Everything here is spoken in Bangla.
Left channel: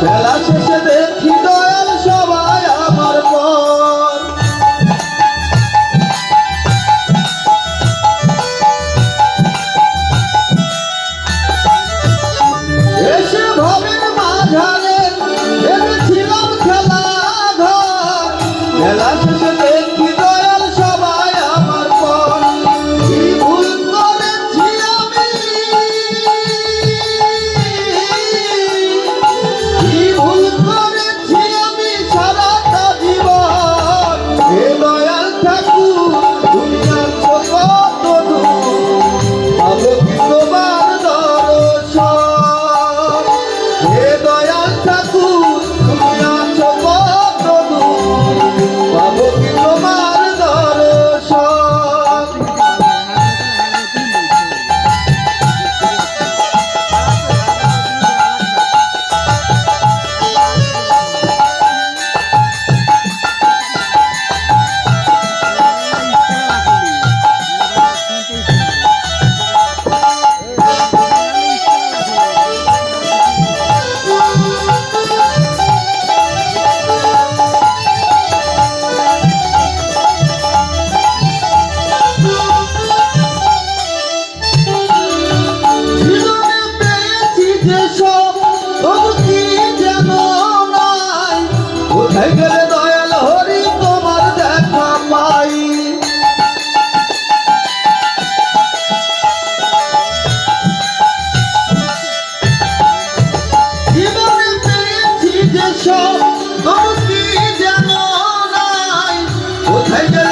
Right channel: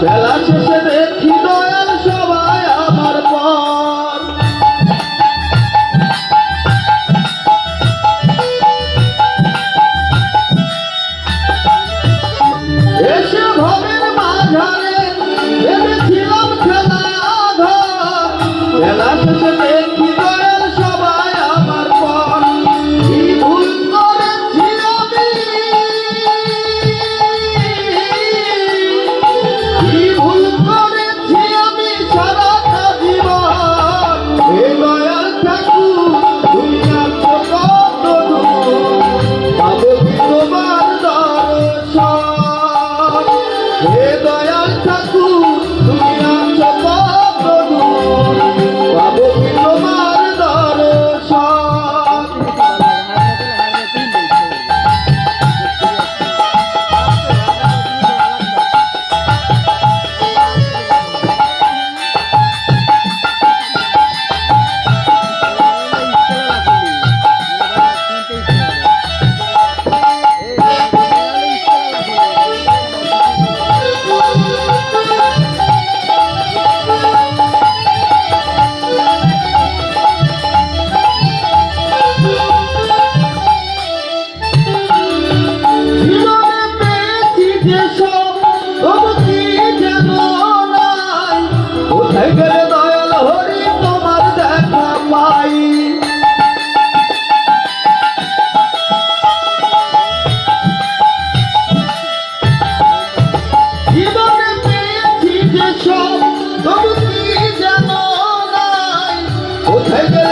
খেলা শেষে দেখি দয়াল সবাই আমার পর। এসে ভবের মাঝারে ভেবেছিলাম খেলা ধর। খেলা শেষে ধমকি যেন কোথায়